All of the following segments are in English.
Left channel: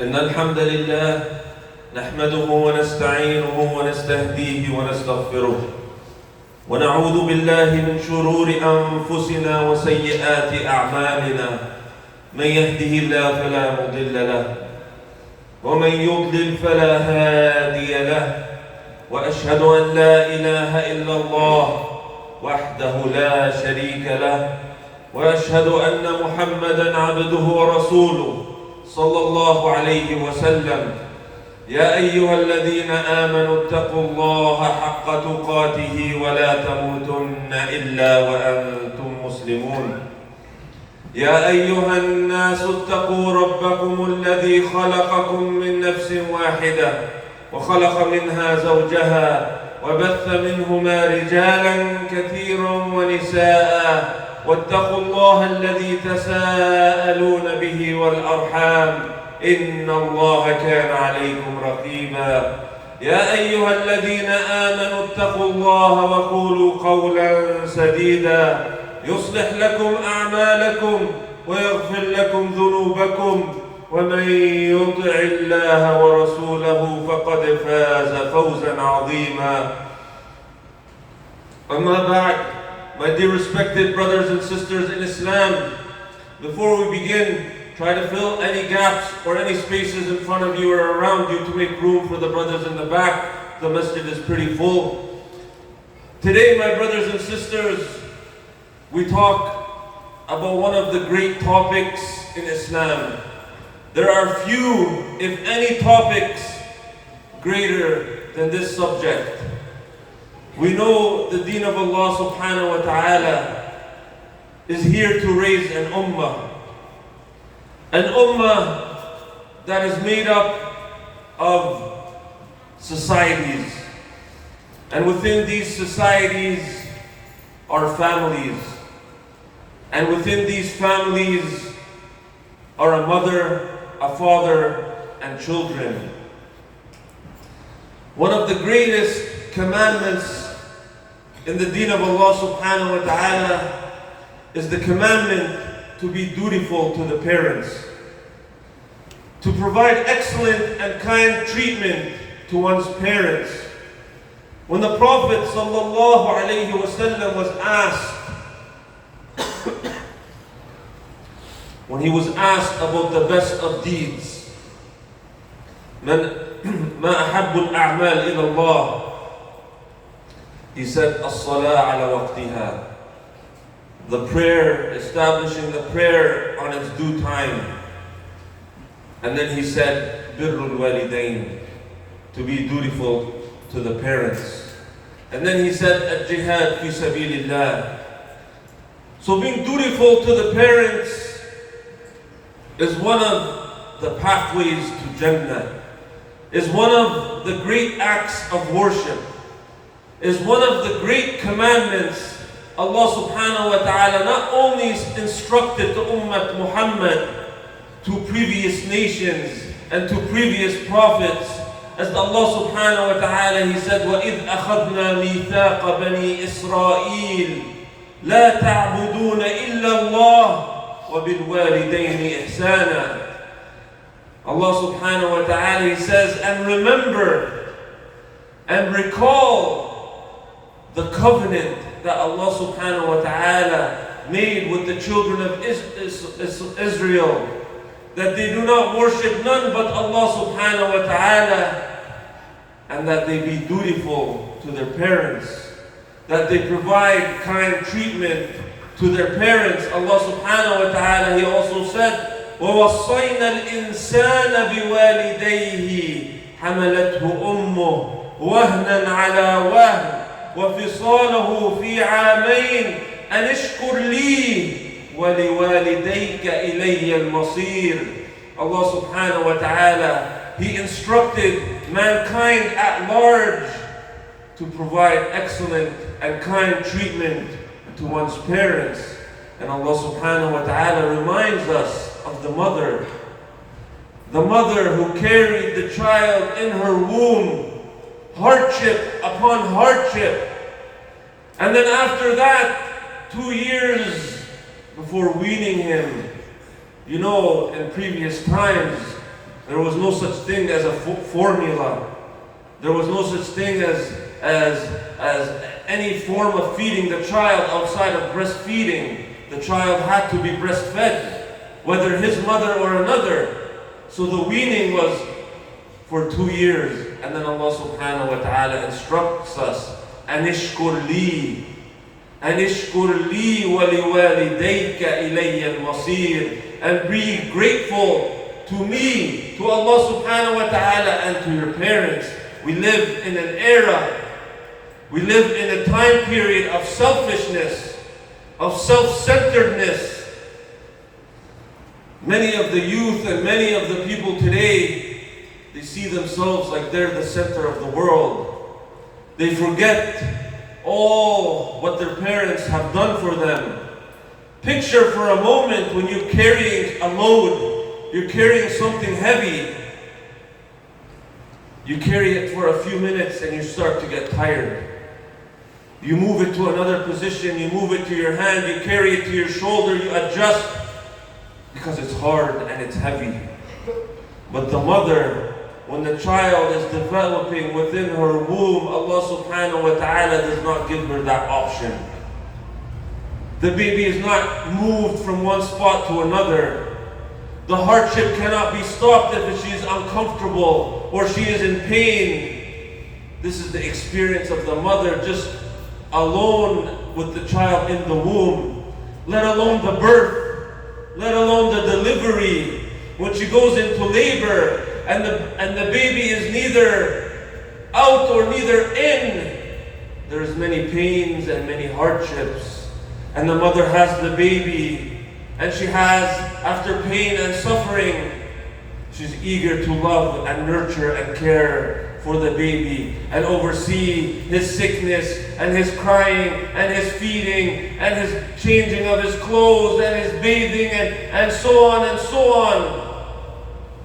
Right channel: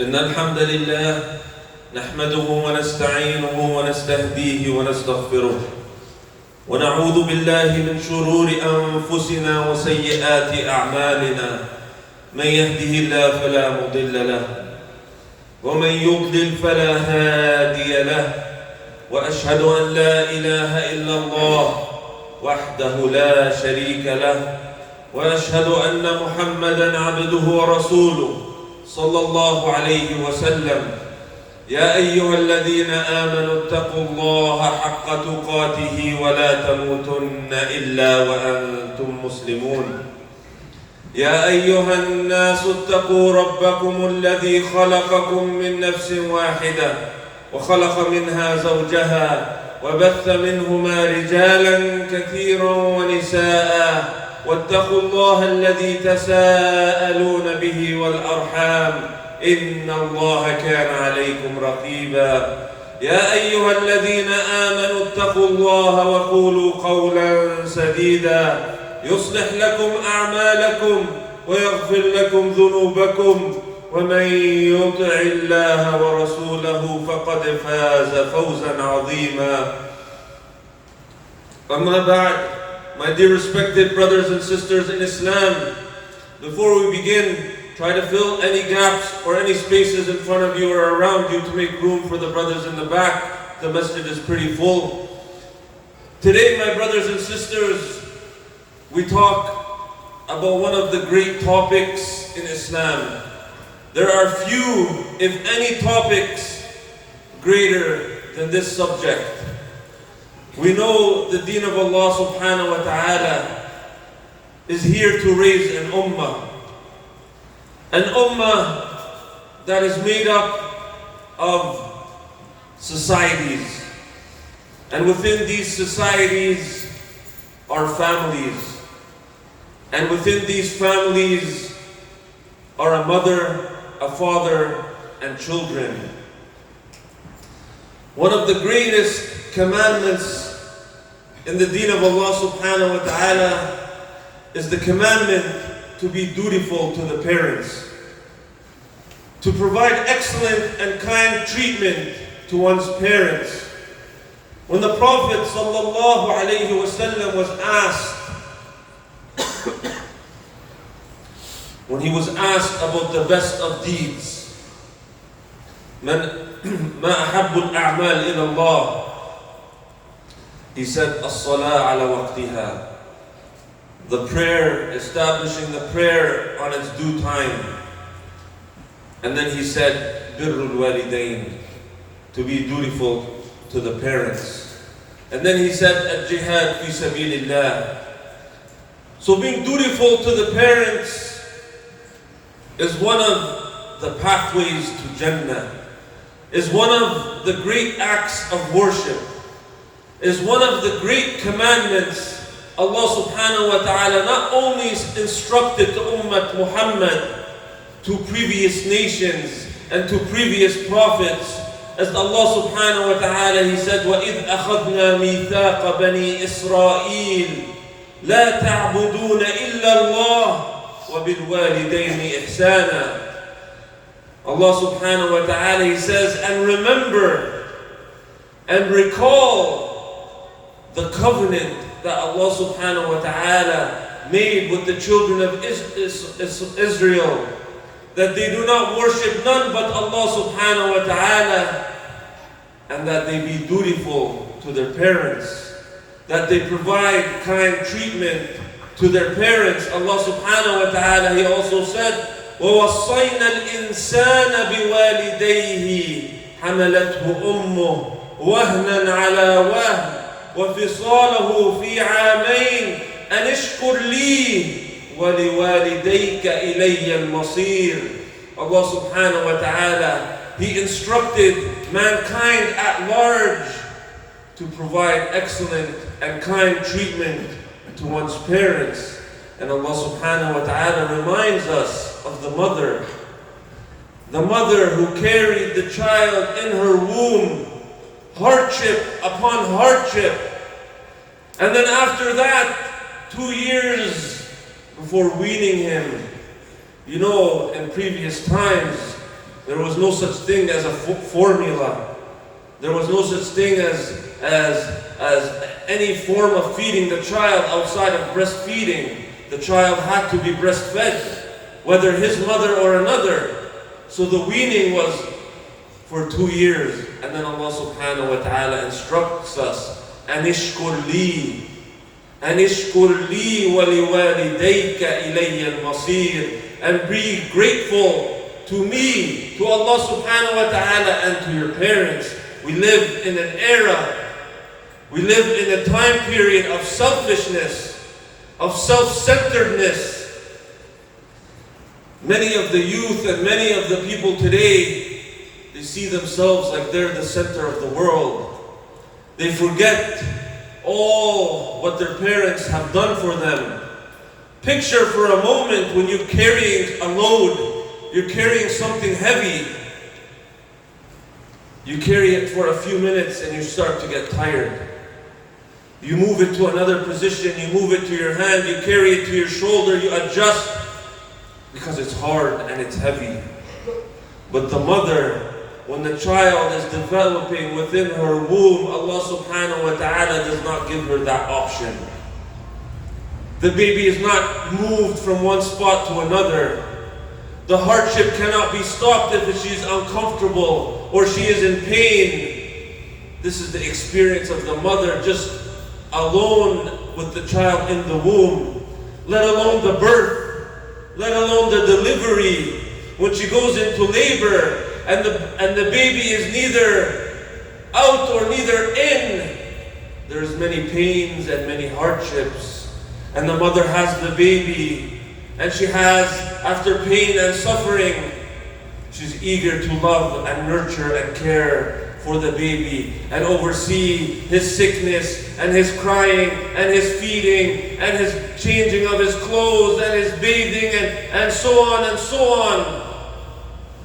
إن الحمد لله نحمده ونستعينه ونستهديه ونستغفره ونعوذ بالله من شرور أنفسنا وسيئات أعمالنا من يهده الله فلا مضل له ومن يضلل فلا هادي له وأشهد أن لا إله إلا الله وحده لا شريك له وأشهد أن محمدًا عبده ورسوله صلى الله عليه وسلم يا أيها الذين آمنوا اتقوا الله حق تقاته ولا تموتن إلا وأنتم مسلمون يا أيها الناس اتقوا ربكم الذي خلقكم من نفس واحدة وخلق منها زوجها وبث منهما رجالا كثيرا ونساء واتقوا الله الذي تساءلون به والأرحام إن الله كان عليكم رقيبا يا أيها الذين آمنوا اتقوا الله وقولوا قولا سديدا يصلح لكم أعمالكم ويغفر لكم ذنوبكم ومن يطع الله ورسوله فقد فاز فوزا عظيما أما بعد. My dear respected brothers and sisters in Islam, before we begin, try to fill any gaps or any spaces in front of you or around you to make room for the brothers in the back. The masjid is pretty full. Today, my brothers and sisters, we talk about one of the great topics in Islam. There are few, if any, topics greater than this subject. We know the deen of Allah subhanahu wa ta'ala is here to raise an ummah. An ummah that is made up of societies. And within these societies are families. And within these families are a mother, a father, and children. One of the greatest commandments in the deen of Allah subhanahu wa ta'ala is the commandment to be dutiful to the parents, to provide excellent and kind treatment to one's parents. When the Prophet sallallahu alayhi wasallam was asked, when he was asked about the best of deeds, ما أحب الأعمال إلى الله, he said, الصلاة على وقتها, the prayer, establishing the prayer on its due time. And then he said, بر الوالدين, to be dutiful to the parents. And then he said, الجهاد في سبيل الله. So being dutiful to the parents is one of the pathways to Jannah, is one of the great acts of worship, is one of the great commandments Allah subhanahu wa ta'ala not only instructed to Ummah Mohammed, to previous nations and to previous prophets, as Allah subhanahu wa ta'ala, He said, وَإِذْ أَخَذْنَا مِيثَاقَ بَنِي إِسْرَائِيلَ لَا تَعْبُدُونَ إِلَّا اللَّهَ وَبِالْوَالِدَيْنِ إِحْسَانًا. Allah subhanahu wa ta'ala, He says, and remember and recall the covenant that Allah subhanahu wa ta'ala made with the children of Israel, that they do not worship none but Allah subhanahu wa ta'ala, and that they be dutiful to their parents, that they provide kind treatment to their parents. Allah subhanahu wa ta'ala, He also said, وَوَصَّيْنَا الْإِنسَانَ بِوَالِدَيْهِ حَمَلَتْهُ أُمُّهُ وَهْنًا عَلَى وَهْنٍ وفصاله في عامين أن اشكر لي ولوالديك إلي المصير. Allah subhanahu wa ta'ala, He instructed mankind at large to provide excellent and kind treatment to one's parents. And Allah subhanahu wa ta'ala reminds us of the mother who carried the child in her womb, hardship upon hardship. And then after that, 2 years before weaning him. You know, in previous times, There was no such thing as a formula. There was no such thing as any form of feeding the child outside of breastfeeding. The child had to be breastfed, whether his mother or another. So the weaning was for 2 years. And then Allah subhanahu wa ta'ala instructs us, Anishkur li wa liwalidayka ilayya al-masir. And be grateful to me, to Allah subhanahu wa ta'ala, and to your parents. We live in an era, we live in a time period of selfishness, of self-centeredness. Many of the youth and many of the people today, they see themselves like they're the center of the world. They forget all what their parents have done for them. Picture for a moment when you're carrying a load, you're carrying something heavy. You carry it for a few minutes and you start to get tired. You move it to another position, you move it to your hand, you carry it to your shoulder, you adjust because it's hard and it's heavy. But the mother, when the child is developing within her womb, Allah subhanahu wa ta'ala does not give her that option. The baby is not moved from one spot to another. The hardship cannot be stopped if she is uncomfortable or she is in pain. This is the experience of the mother just alone with the child in the womb, let alone the birth, let alone the delivery. When she goes into labor and the baby is neither out or neither in, there's many pains and many hardships. And the mother has the baby, and she has, after pain and suffering, she's eager to love and nurture and care for the baby and oversee his sickness and his crying and his feeding and his changing of his clothes and his bathing and so on and so on.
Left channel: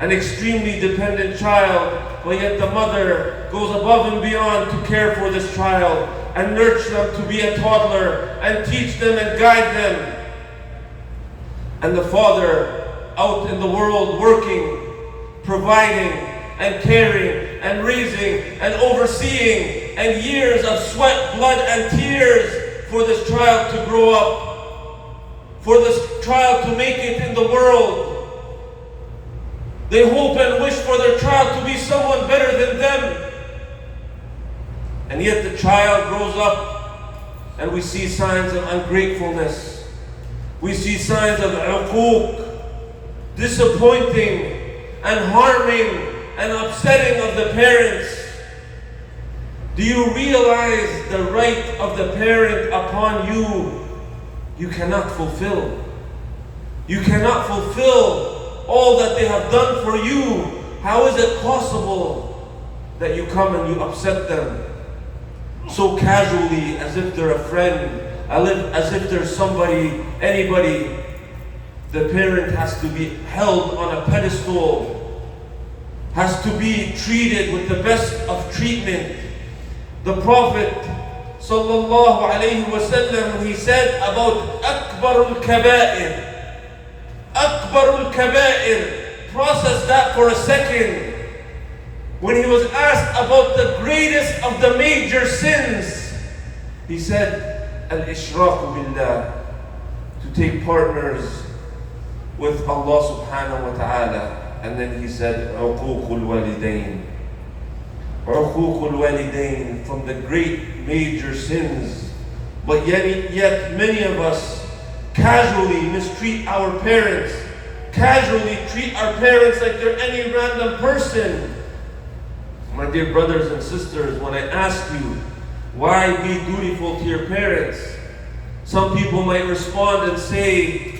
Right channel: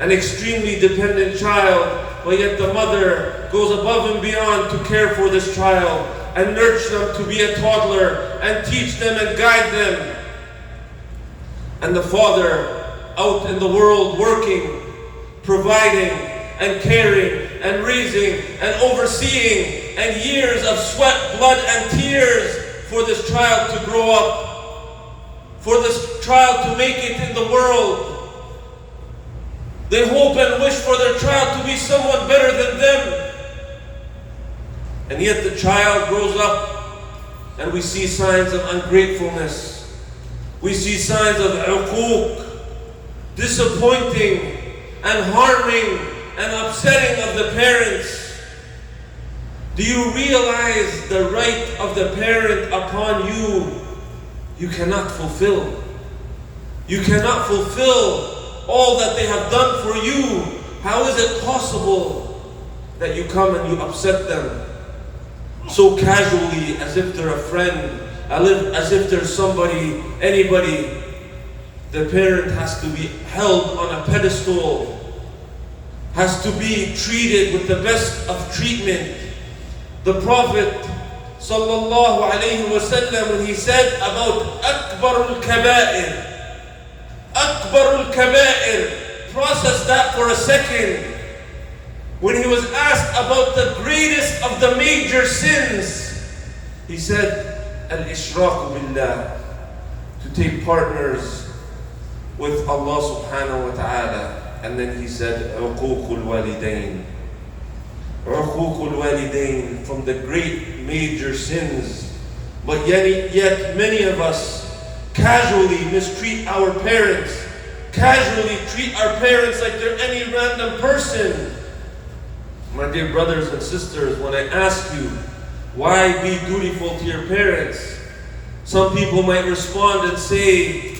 An extremely dependent child, but yet the mother goes above and beyond to care for this child and nurture them to be a toddler and teach them and guide them. And the father out in the world working, providing and caring and raising and overseeing, and years of sweat, blood and tears for this child to grow up, for this child to make it in the world. They hope and wish for their child to be someone better than them. And yet the child grows up and we see signs of ungratefulness. We see signs of uquq, disappointing and harming and upsetting of the parents. Do you realize the right of the parent upon you? You cannot fulfill. You cannot fulfill all that they have done for you. How is it possible that you come and you upset them so casually, as if they're a friend, as if they're somebody, anybody? The parent has to be held on a pedestal, has to be treated with the best of treatment. The Prophet sallallahu alayhi wa sallam, when he said about akbar al-kaba'ir, Akbar al-kaba'ir, process that for a second. When he was asked about the greatest of the major sins, he said, al-ishraq billah, to take partners with Allah subhanahu wa ta'ala. And then he said, uquq al-walidain. Uquq al-walidain, from the great major sins. But yet many of us casually mistreat our parents, casually treat our parents like they're any random person. My dear brothers and sisters, when I ask you, why be dutiful to your parents? Some people might respond and say,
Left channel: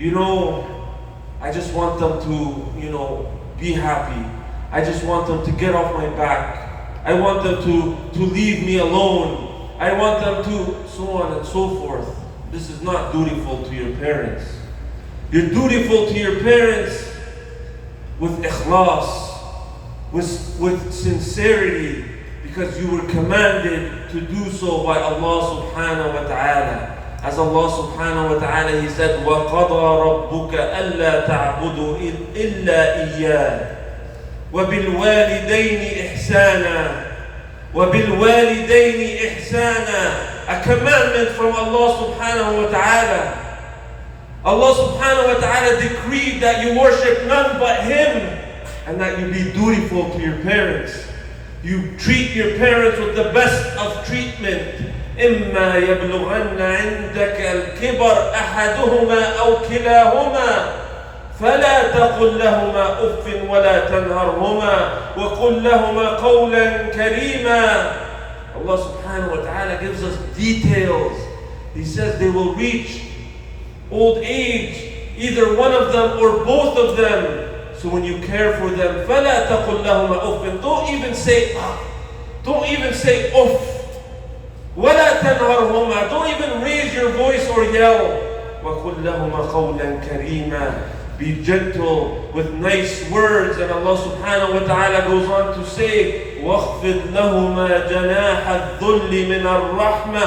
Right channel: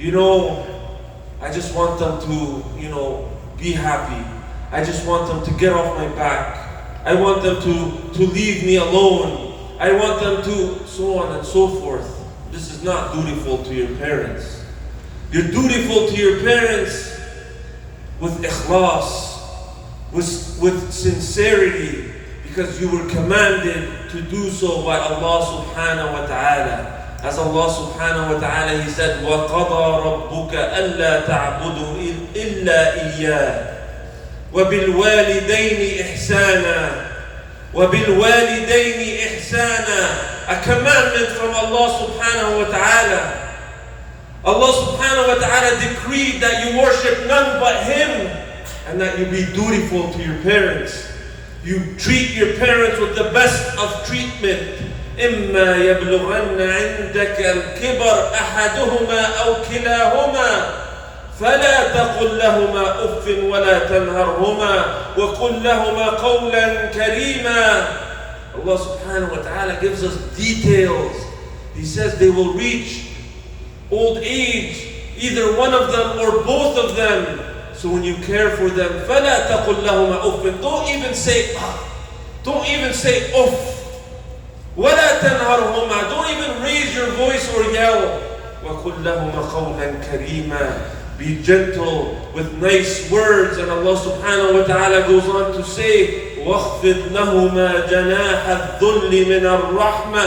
I just want them to, be happy. I just want them to get off my back. I want them to leave me alone. I want them to, so on and so forth. This is not dutiful to your parents. You're dutiful to your parents with ikhlas, with sincerity, because you were commanded to do so by Allah subhanahu wa ta'ala. As Allah subhanahu wa ta'ala, He said, وَقَضَى رَبُّكَ أَلَّا تَعْبُدُوا إِلَّا إِيَّاهُ وَبِالْوَالِدَيْنِ إِحْسَانًا وَبِالْوَالِدَيْنِ إِحْسَانًا. A commandment from Allah subhanahu wa ta'ala. Allah subhanahu wa ta'ala decreed that you worship none but Him and that you be dutiful to your parents. You treat your parents with the best of treatment. إِمَّا يَبْلُغَنَّ عِنْدَكَ الْكِبَرْ أَحَدُهُمَا أَوْ كِلَاهُمَا فلا تقل لهما أف ولا تنهرهما وقل لهما قولا كريما. Allah subhanahu wa ta'ala gives us details. He says they will reach old age, either one of them or both of them. So when you care for them, فلا تقل لهما أف. Don't even say uff. ولا تنهرهما. Don't even raise your voice or yell. وقل لهما قولا كريما. Be gentle with nice words. And Allah subhanahu wa ta'ala goes on to say, وَاخْفِضْ لَهُمَا جَنَاحَ الذُّلِّ مِنَ الرَّحْمَةِ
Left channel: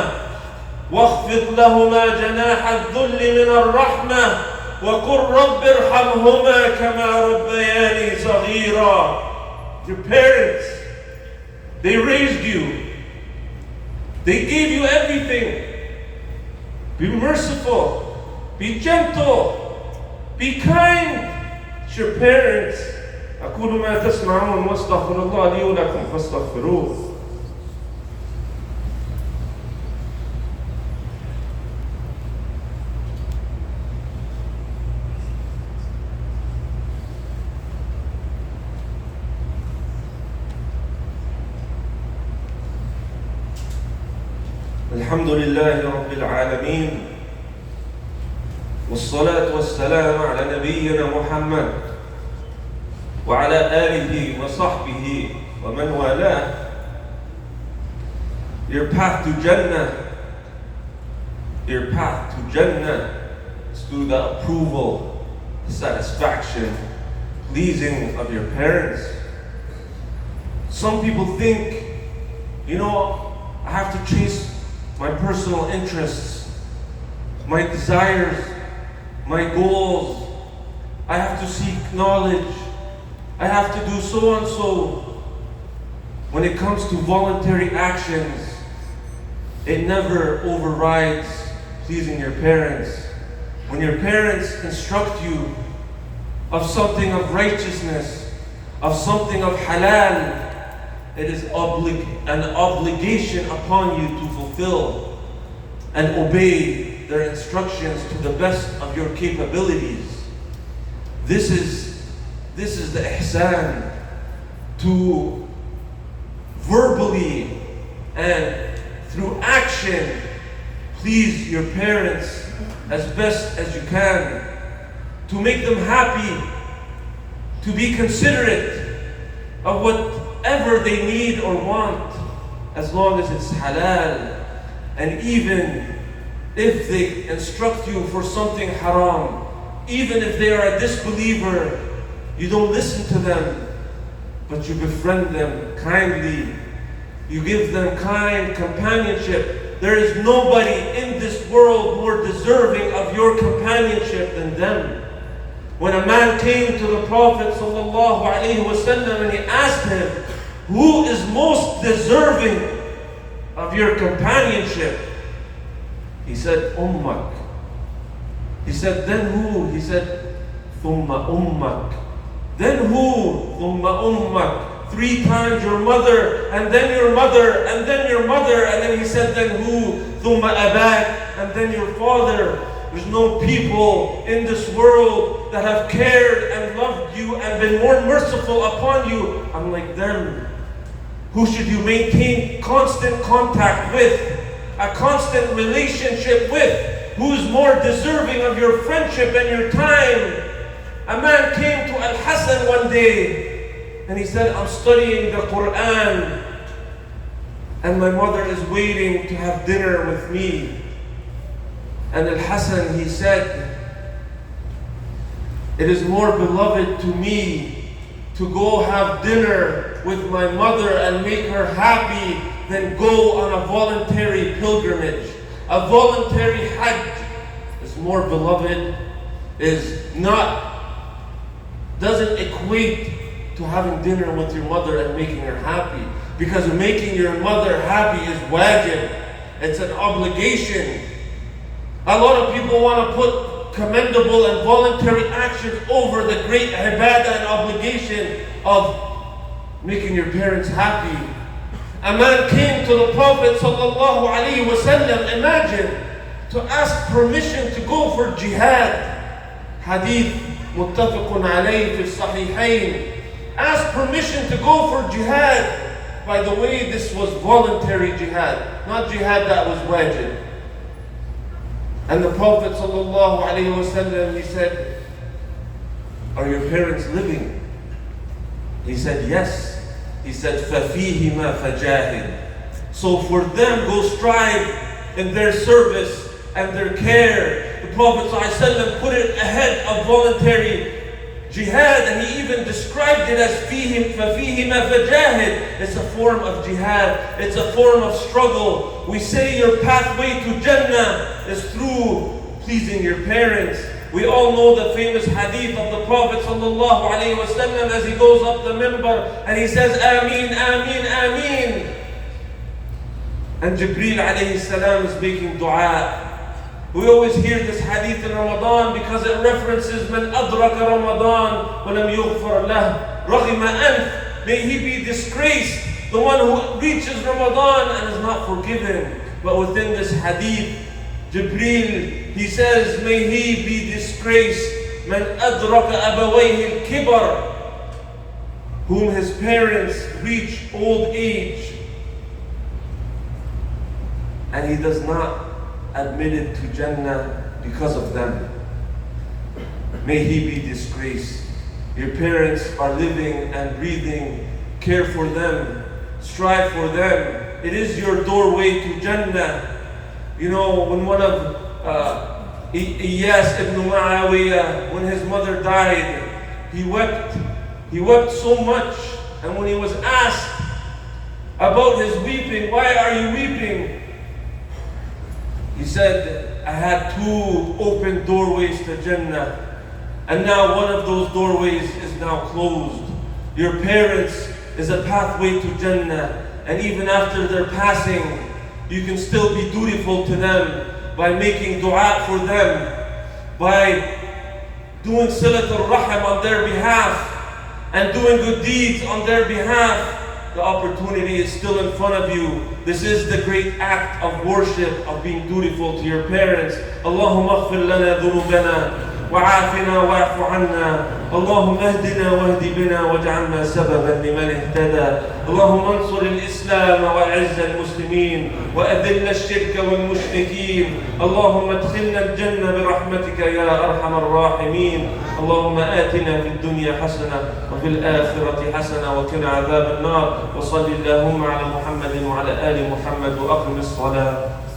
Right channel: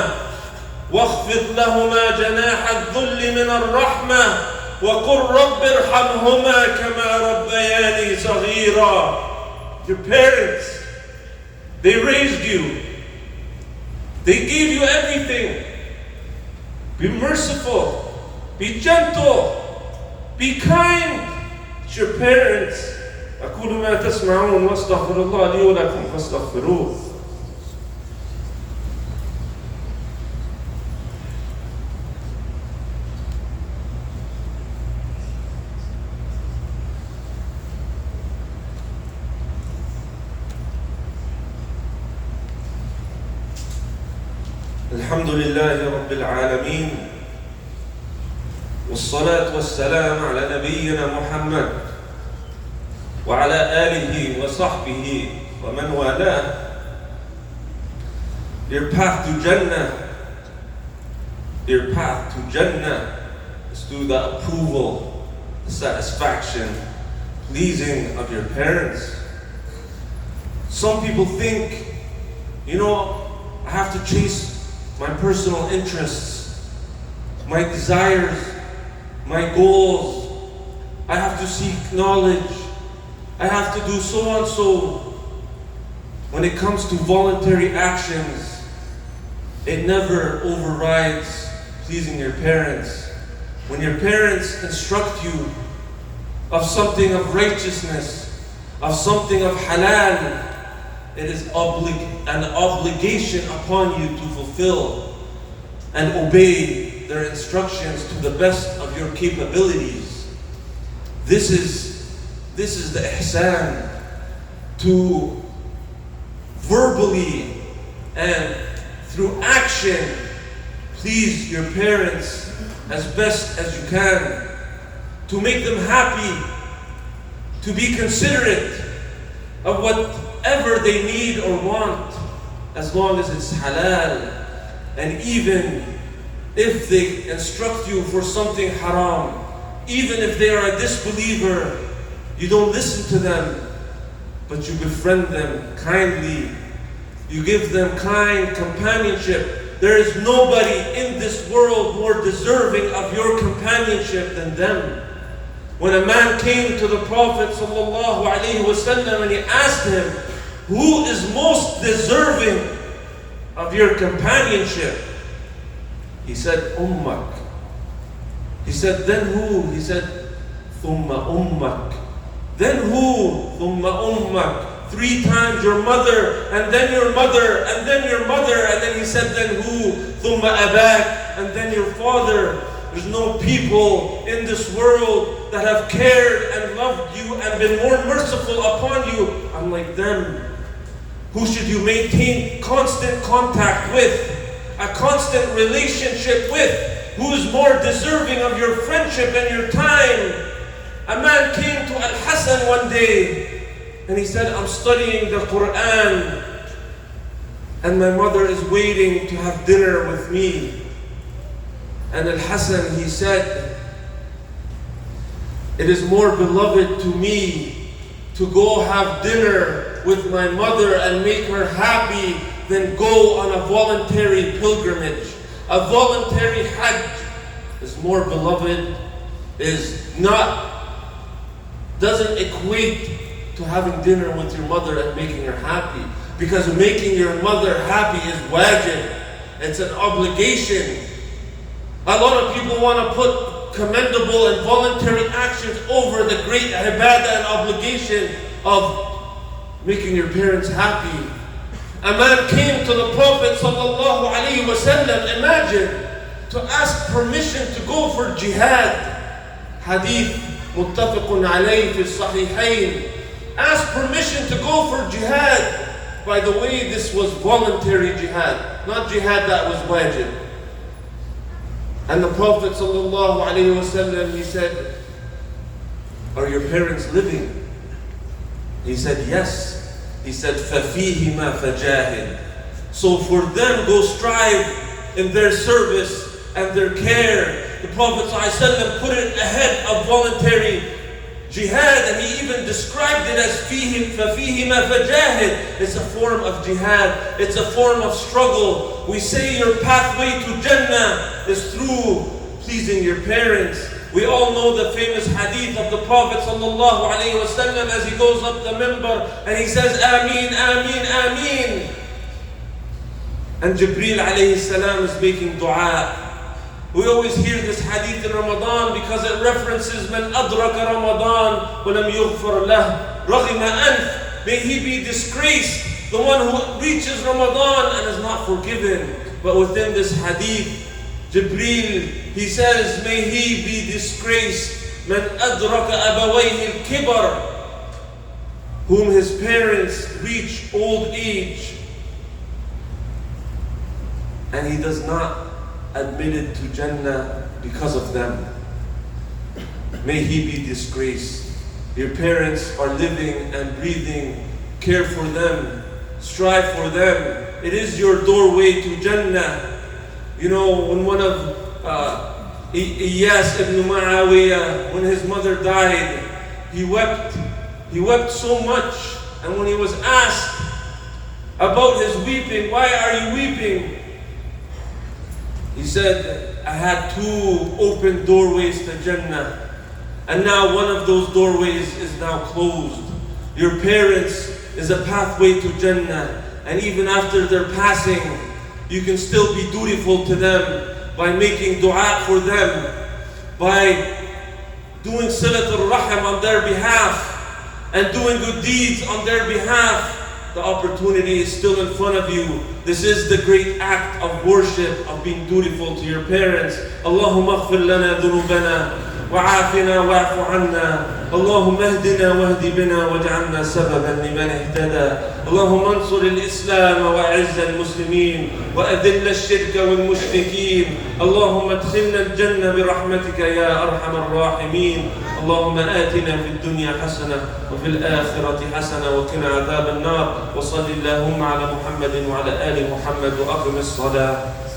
وَاخْفِضْ لَهُمَا جَنَاحَ الذُّلِّ مِنَ الرَّحْمَةِ وَقُلْ رَبِّ ارْحَمْهُمَا كَمَا رَبَّيَانِي صَغِيرًا. Your parents, they raised you. They gave you everything. Be merciful. Be gentle. Be kind to your parents. أقول ما تسمعون واستغفر الله لي ولكم فاستغفروه. الحمد لله رب العالمين والصلاة والسلام على نبينا محمد وعلى آله وصحبه ومن والاه. Your path to Jannah is through the approval, the satisfaction, pleasing of your parents. Some people think, I have to chase my personal interests, my desires, my goals. I have to seek knowledge. I have to do so and so. When it comes to voluntary actions, it never overrides pleasing your parents. When your parents instruct you of something of righteousness, of something of halal, it is an obligation upon you to fulfill and obey their instructions to the best of your capabilities. This is the ihsan, to verbally and through action please your parents as best as you can, to make them happy, to be considerate of whatever they need or want, as long as it's halal. And even if they instruct you for something haram, even if they are a disbeliever, you don't listen to them, but you befriend them kindly. You give them kind companionship. There is nobody in this world more deserving of your companionship than them. When a man came to the Prophet ﷺ and he asked him, who is most deserving of your companionship? He said, Ummak. He said, then who? He said, Thumma Ummak. Then who? Thumma Ummak. 3 times your mother, and then your mother, and then your mother. And then he said, then who? Thumma Abak. And then your father. There's no people in this world that have cared and loved you and been more merciful upon you unlike them. Who should you maintain constant contact with, a constant relationship with? Who is more deserving of your friendship and your time? A man came to Al-Hasan one day and he said, I'm studying the Quran and my mother is waiting to have dinner with me. And Al-Hasan, he said, it is more beloved to me to go have dinner with my mother and make her happy than go on a voluntary pilgrimage. A voluntary Hajj is more beloved, doesn't equate to having dinner with your mother and making her happy. Because making your mother happy is wajib. It's an obligation. A lot of people want to put commendable and voluntary actions over the great ibadah and obligation of making your parents happy. A man came to the Prophet sallallahu alaihi wasallam, imagine, to ask permission to go for jihad. Hadith muttafaqun alayhi fi sahihayn. Ask permission to go for jihad. By the way, this was voluntary jihad, not jihad that was wajib. And the Prophet sallallahu alaihi wasallam, he said, "Are your parents living?" He said, "Yes." He said, فَفِيهِمَا فَجَاهِدْ. So for them, go strive in their service and their care. The Prophet ﷺ put it ahead of voluntary jihad, and he even described it as فَفِيهِمَا فَجَاهِدْ. It's a form of jihad. It's a form of struggle. We say your pathway to Jannah is through pleasing your parents. We all know the famous hadith of the Prophet sallallahu alaihi wasallam as he goes up the minbar and he says, Ameen, Ameen, Ameen. And Jibreel alayhi salam is making dua. We always hear this hadith in Ramadan because it references Man adraka Ramadan wa lam yughfar lah raghima anf. May he be disgraced, the one who reaches Ramadan and is not forgiven. But within this hadith, Jibreel, he says, may he be disgraced, man adraka abawayhi al-kibar, whom his parents reach old age, and he does not admit it to Jannah because of them. May he be disgraced. Your parents are living and breathing. Care for them. Strive for them. It is your doorway to Jannah. You know, when one of Iyas ibn Muawiyah, when his mother died, he wept. He wept so much. And when he was asked about his weeping, why are you weeping? He said, I had two open doorways to Jannah. And now one of those doorways is now closed. Your parents is a pathway to Jannah. And even after their passing, you can still be dutiful to them by making dua for them, by doing silat al-rahim on their behalf, and doing good deeds on their behalf. The opportunity is still in front of you. This is the great act of worship, of being dutiful to your parents. Allahumma aghfir lana dhunubana وعافنا واعف عنا اللهم اهدنا واهد بنا واجعلنا سببا لمن اهتدى اللهم انصر الإسلام وأعز المسلمين وأذل الشرك والمشركين اللهم ادخلنا الجنة برحمتك يا أرحم الراحمين اللهم آتنا في الدنيا حسنة وفي الآخرة حسنة وقنا عذاب النار وصل اللهم على محمد وعلى آل محمد وأقم الصلاة